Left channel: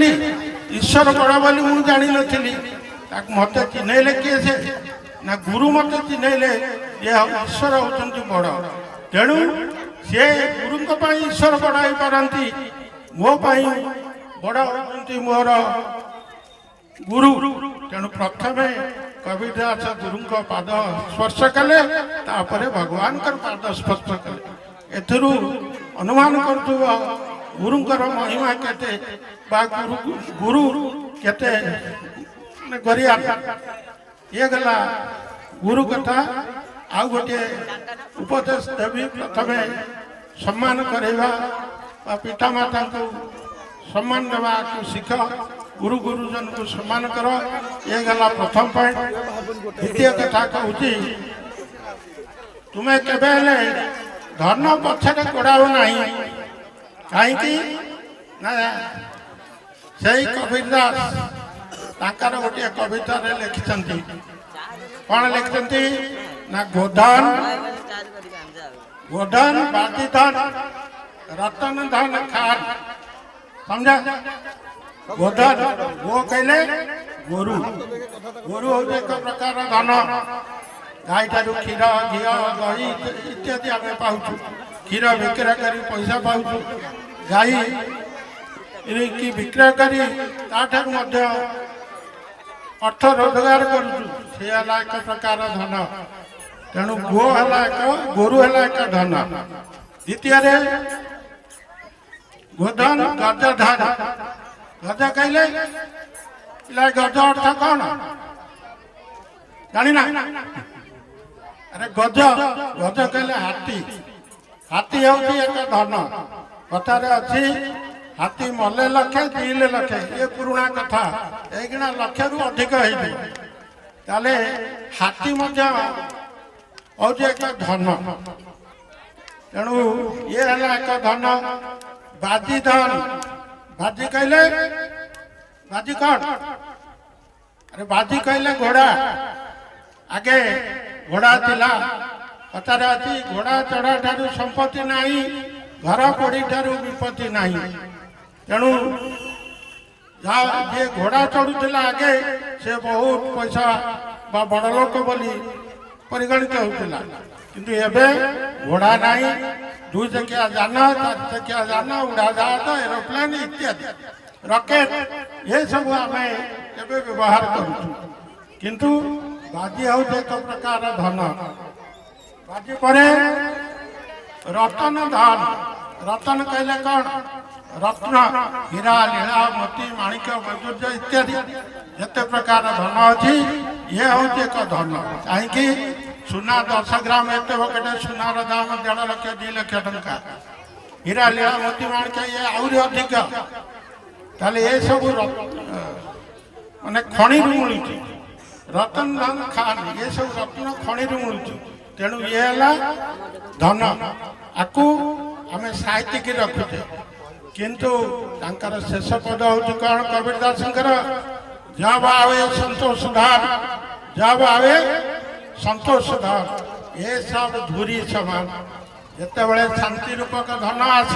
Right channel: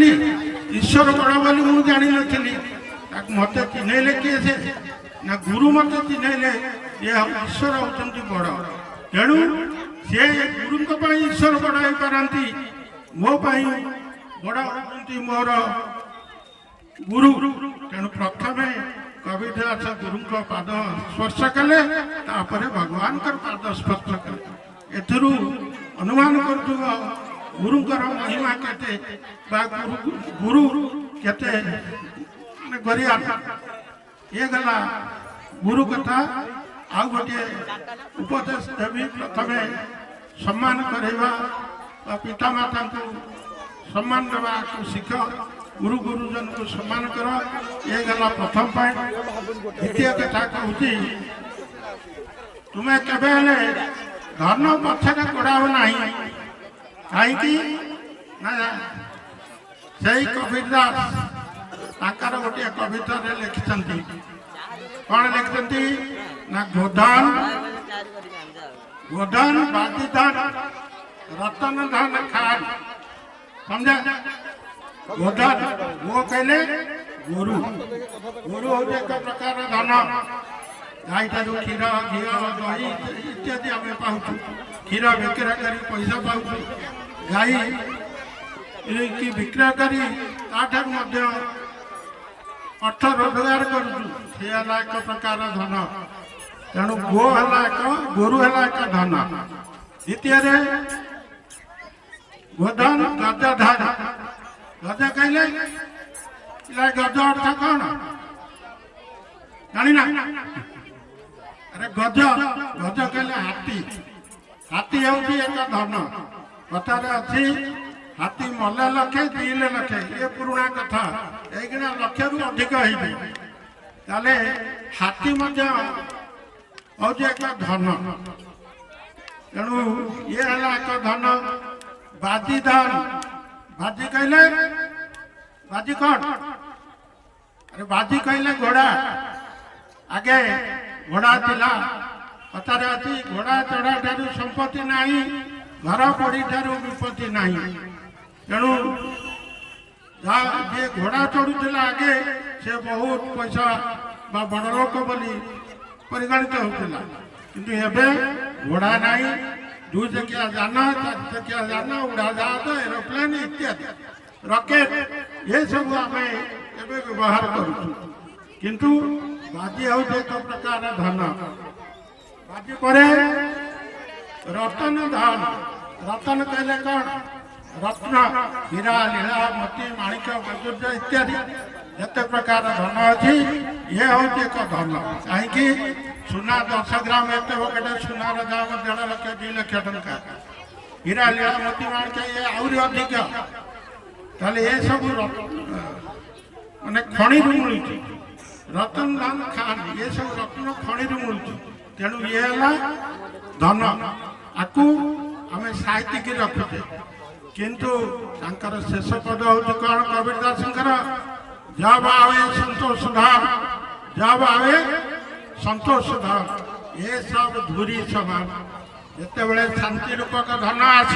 नी ईश्वर बड़ बोली मुझे जानी नी मत चिन्हले किए से ना गुरु मत चिन्हले ये ईश्वर होती बड़ तेणु सी गुरु ईश्वर बड़ हो पारती मो बड़ होती मोर गुरु तेणु प्रथम कविदास गुरु पाद स्पर्श कले भगवान पाद स्पर्श कले एथुरु अनुमान कर गुरुंकर महिमा केते गुरु केते गरिया ये गला गुरु कथा आउ गोटे उपदेश देवी प्रथम सम्मान करवा पिता माता को सम्मान देवा को शिख गुरु गुरुजन को सम्मान कर ये गला प्रथम पॉइंट। द्वितीय कथा कहूँ तुम्हें केवे धर्म पछरे गोड़ाओ ना कहीं से कबीरदास ताकर गोटे कविता लिखिं कौन लिखिं ना गोधन गोधन बादीधन रतन धन खान समझा गोधन वो कहले गुरु गुरु हूँ एक प्रकार धन गाई ठार क्षीर घी दही इत्यादि आम पाऊँ क्षीर विक्रय कर पैसा पाऊँ गाई कि विक्रय कर अर्थ रोजगार कर प्रकार धन तेणु गो है गोरु है एक धन। द्वितीय गोधन गजधन गज कहले गज अर्थ कौन जाना अरे गज गज कहले हाथी हाथी हूँ एक धन कथार अच्छी हाथी मले लक्षे दिले लक्षे ये पुराणा कथा यहीकिना लक्षे रु अधिक होते हाथी हूँ एक धन तेणु ये है एक धन। बाजी धन बाजी कहले बाजी कौन अरे बाजी कहले घोड़ा आगे घोड़ा थिला कथार अच्छी घोड़ा चढ़ा ठारू संपत्ति नहीं घर पड़ी ठारू विपत्ति नहीं तेणु जे घोड़ा चढ़ुला आगे से बहुत पैसा बड़ लोक बोली परिगणित होता किंतु एबे घोड़ा नहीं दुई चकिया जान चार चकिया जान उड़ा जहाज एरोप्लेन इत्यादि रॉकेट ये सब आम व्यवहार किंतु बाजी हूँ एक प्रकार धन। बाजी पर रतन धन रतन कहले कौन रत्न हीरा लीला मोती माणिक वैदुर्य इत्यादि जिते प्रकार धन अच्छी ये हूँ एक धन कहीं सुना 10 ग्राम एत बकेटे सुनार दाम 1.5 लाख 2 लाख टंका हीरा लीला मोती माणिक ये आहरी अधिक ताले ये सब माने खणी मिलूँ रतन धन खान ये सब रत्न खणी मिलूँ तेणु ये है धन आपको आम साहित्यिक रखुचे किंतु तांकर शेष पद हूँ कौन कबीरदास जब आवे संतोष धाम जब आवे संतोष धाम ये सब धूरी समान जिते बड़े शांति रूपक धन आसी